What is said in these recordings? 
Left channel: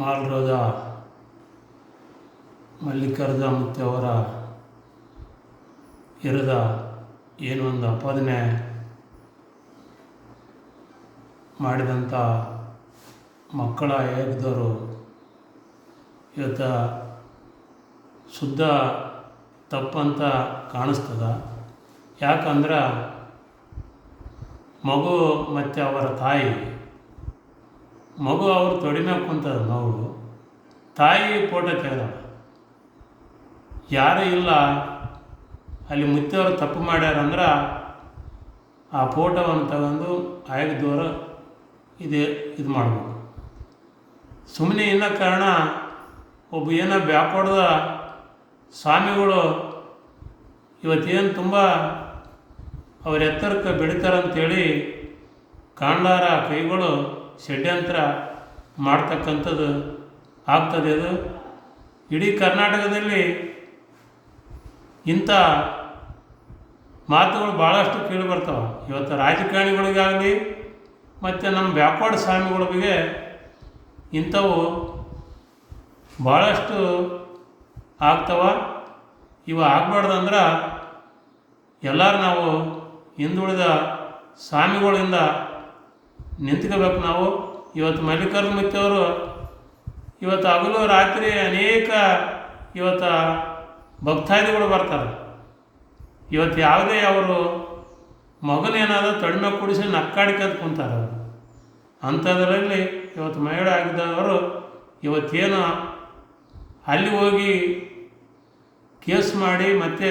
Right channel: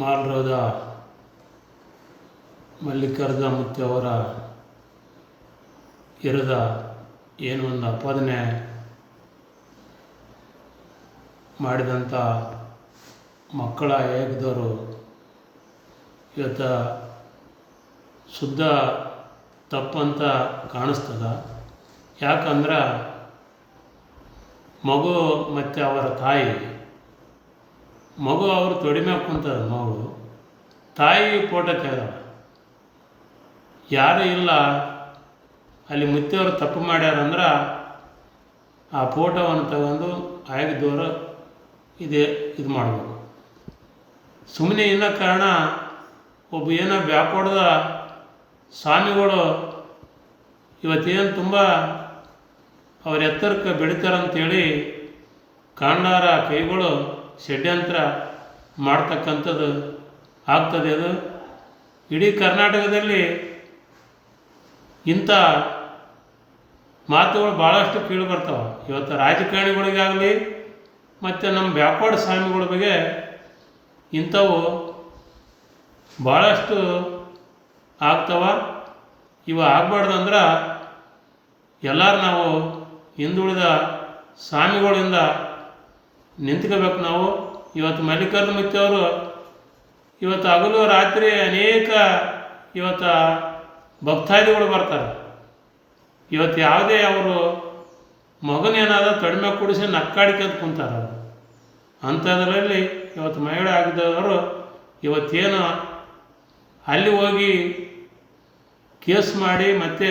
ಮಾಲ್ರೋದ ಮಲ್ಲಿಕಾರ್ಜುನ ಮುತ್ತೆಯವರ ವಿರುದ್ಧ ಏನು ಒಂದು ಆಪಾದನೆ ಮಾಡಿದಂಥ ಮಕ್ಕಳ ಆಯೋಗದವರು ಇವತ್ತು ಶುದ್ಧ ತಪ್ಪಂತ ಕಾಣಿಸ್ತದ. ಯಾಕಂದ್ರೆ ಮಗು ಮತ್ತು ಅವರ ತಾಯಿ, ಮಗು ಅವರು ತೊಡಿ ಮ್ಯಾಗ ಕುಂತದ, ಮಗು ತಾಯಿ ಫೋಟೋ ತೆಗೆದ, ಯಾರೂ ಇಲ್ಲ ಅಲ್ಲಿ ಮುತ್ತೆಯವರು ತಪ್ಪು ಮಾಡ್ಯಾರಂದ್ರೆ ಆ ಫೋಟೋವನ್ನು ತಗೊಂಡು ಆಯೋಗದವರು ಇದು ಮಾಡಬೇಕು. ಸುಮ್ಮನೆ ಇಲ್ಲ ಕಾರಣ ಒಬ್ಬ ಏನೋ ಬ್ಯಾಕ್ವರ್ಡ್ದ ಸ್ವಾಮಿಗಳು ಇವತ್ತೇನು ತುಂಬ ಅವ್ರ ಎತ್ತರಕ್ಕೆ ಬೆಳಿತಾರಂತೇಳಿ ಕಾಂಡಾರ ಕೈಗಳು ಷಡ್ಯಂತ್ರ ಮಾಡ್ತಕ್ಕಂಥದ್ದು ಆಗ್ತದೆ. ಅದು ಇಡೀ ಕರ್ನಾಟಕದಲ್ಲಿ ಇಂಥ ಮಾತುಗಳು ಭಾಳಷ್ಟು ಕೇಳಿ ಬರ್ತಾವೆ. ಇವತ್ತು ರಾಜಕಾರಣಿಗಳಿಗಾಗಲಿ ಮತ್ತು ನಮ್ಮ ಬ್ಯಾಕ್ವರ್ಡ್ ಸ್ವಾಮಿಗಳ ಬಗ್ಗೆ ಇಂಥವು ಭಾಳಷ್ಟು ಆಗ್ತವೆ. ಇವು ಆಗಬಾರ್ದಂದ್ರೆ ಎಲ್ಲರೂ ನಾವು ಹಿಂದುಳಿದ ಸ್ವಾಮಿಗಳಿಂದ ನಿಂತ್ಕೋಬೇಕು. ನಾವು ಇವತ್ತು ಮಲ್ಲಿಕಾರ್ಜುನ ಮುತ್ತೆಯವರು ಇವತ್ತು ಹಗಲು ರಾತ್ರಿ ಅನೇಕ ಇವತ್ತು ಭಕ್ತಾದಿಗಳು ಬರ್ತಾರೆ. ಇವತ್ತು ಯಾವುದೇ ಅವರು ಮಗನೇನಾದ ತಡಿಮೆ ಕೂಡಿಸಿ ನಕ್ಕಾಡಿಕಂತ ಕುಂತಾರೆ. ಅಂಥದ್ರಲ್ಲಿ ಇವತ್ತು ಮಹಿಳೆ ಆಗಿದ್ದವರು ಇವತ್ತೇನು ಅಲ್ಲಿ ಹೋಗಿ ಕೇಸ್ ಮಾಡಿ ಮತ್ತು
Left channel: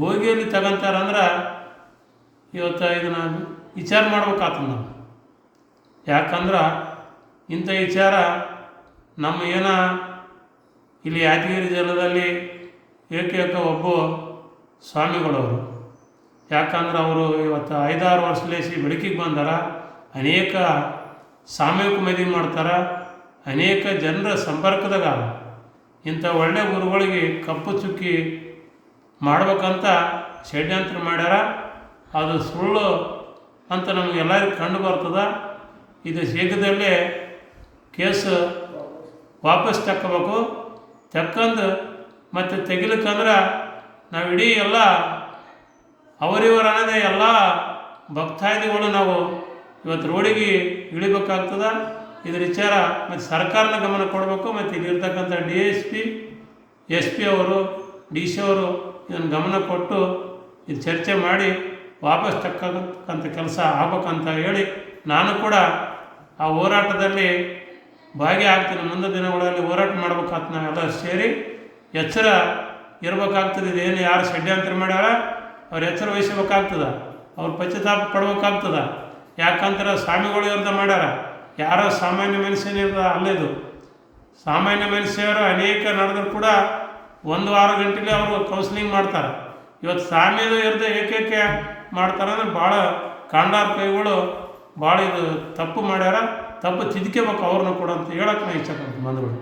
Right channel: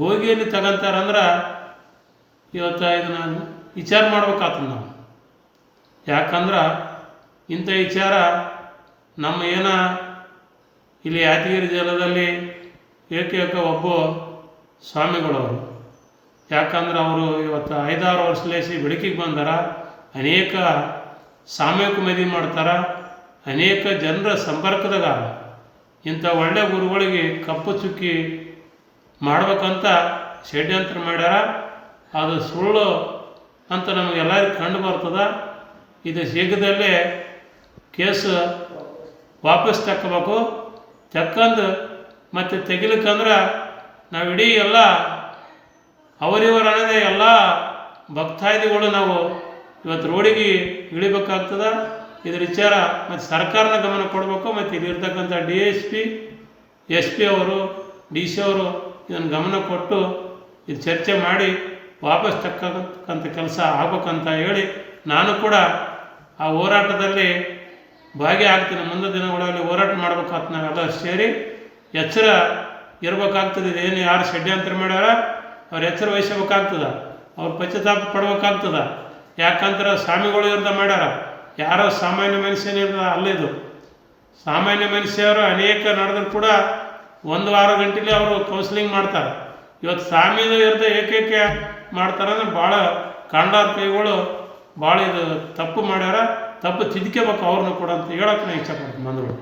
ಗೋಗಿಯಲ್ಲಿ ತಗೊಂತಾರಂದ್ರೆ ಇವತ್ತು ಇದನ್ನು ವಿಚಾರ ಮಾಡ್ಬೇಕಾಗ್ತದೆ ನಾವು. ಯಾಕಂದ್ರೆ ಇಂಥ ವಿಚಾರ ನಮ್ಮ ಇಲ್ಲಿ ಯಾದಗಿರಿ ಜಿಲ್ಲೆಯಲ್ಲಿ ಏಕೈಕ ಒಬ್ಬ ಸ್ವಾಮಿಗಳವರು. ಯಾಕಂದ್ರೆ ಅವರು ಇವತ್ತು 5-6 ವರ್ಷಲೇಸಿ ಬೆಳಕಿಗೆ ಬಂದಾರ. ಅನೇಕ ಸಾಮೂಹಿಕ ಮದುವೆ ಮಾಡ್ತಾರೆ, ಅನೇಕ ಜನರ ಸಂಪರ್ಕದಾಗ ಇಂಥ ಒಳ್ಳೆಯ ಗುರುಗಳಿಗೆ ಕಪ್ಪು ಚುಕ್ಕಿ ಮಾಡ್ಬೇಕಂತ ಷಡ್ಯಂತ್ರ ಮಾಡ್ಯಾರ. ಅದು ಸುಳ್ಳು ಅಂತ ನಮಗೆಲ್ಲರಿಗೂ ಕಂಡು ಬರ್ತದೆ. ಇದು ಶೀಘ್ರದಲ್ಲೇ ಕೇಸು ವಾಪಸ್ ತಕ್ಕೋಬೇಕು. ತಕ್ಕಂದು ಮತ್ತು ತೆಗಿಲಿಕ್ಕಂದ್ರೆ ನಾವು ಇಡೀ ಎಲ್ಲ ಅವರಿವರ ಅನ್ನೋದೇ ಎಲ್ಲ ಭಕ್ತಾದಿಗಳು ನಾವು ಇವತ್ತು ರೋಡಿಗೆ ಇಳಿಬೇಕಾಗ್ತದೆ. ಇದ್ರ ವಿಚಾರ ಮತ್ತು ಸರ್ಕಾರನ ಗಮನ ಕೊಡಬೇಕು. ಮತ್ತು ಇಲ್ಲಿರ್ತಕ್ಕಂಥ DSP, SP ಅವರು, DC ಅವರು ಇದನ್ನು ಗಮನ ಕೊಟ್ಟು ಇದು ಚರ್ಚೆ ಮಾಡಿ ವಾಪಸ್ ತಕ್ಕಂಥ ಕೆಲಸ ಆಗ್ಬೇಕಂತ ಹೇಳಿ ನಾನು ಕೂಡ ಆ ಹೋರಾಟದಲ್ಲಿ ಭಾಗಿಯಾಗ್ತೀನಿ. ಮುಂದಿನ ದಿನಗಳಲ್ಲಿ ಹೋರಾಟ ಮಾಡ್ಬೇಕಾಗ್ತದೆ. ನಾವೆಲ್ಲ ಸೇರಿ ಎಚ್ಚರ ಇರಬೇಕಾಗ್ತದೆ. ಇದೇನು ಯಾರು ಷಡ್ಯಂತ್ರ ಮಾಡ್ಯಾರ ಅವ್ರು ಎಚ್ಚರ ವಹಿಸಬೇಕಾಗ್ತದೆ, ಅವ್ರು ಪಶ್ಚಾತ್ತಾಪ ಪಡ್ಬೇಕಾಗ್ತದೆ. ಯಾಕಂದ್ರೆ ಸ್ವಾಮಿಗಳು ಇರ್ದ ಮಾಡ್ಯಾರ, ಯಾರೋ ಸಾಮಾನ್ಯ ಮನುಷ್ಯನಿರ್ದ ಅಲ್ಲಿದು. ಸಾಮಾನ್ಯ ಮನುಷ್ಯರು ಅನೇಕ ನಡೆದ್ರು ಕೂಡ 1-6 ಗಂಟೆಲಿ ಅವರು ಕೌನ್ಸಿಲಿಂಗ್ ಮಾಡ್ತಾರೆ. ಇವತ್ತು ಸ್ವಾಮಿಗಳು ಇರ್ದ ಏಕೈಕ ಮಾಡ್ತಾರಂದ್ರೆ ಭಾಳ ಕಾಂಡಾರ ಕೈಗಳು ಭಾಳ ಇದು ತಪ್ಪು ಮಾಡ್ಯಾರ. ತಪ್ಪು ತಿದ್ಕೋಬೇಕು ಅವ್ರನ್ನ ಕೂಡ ಅಂತ ಹೇಳೋಕೆ ನಾನು ಇಷ್ಟಪಡ್ತೀನಿ ಬಂಧುಗಳು.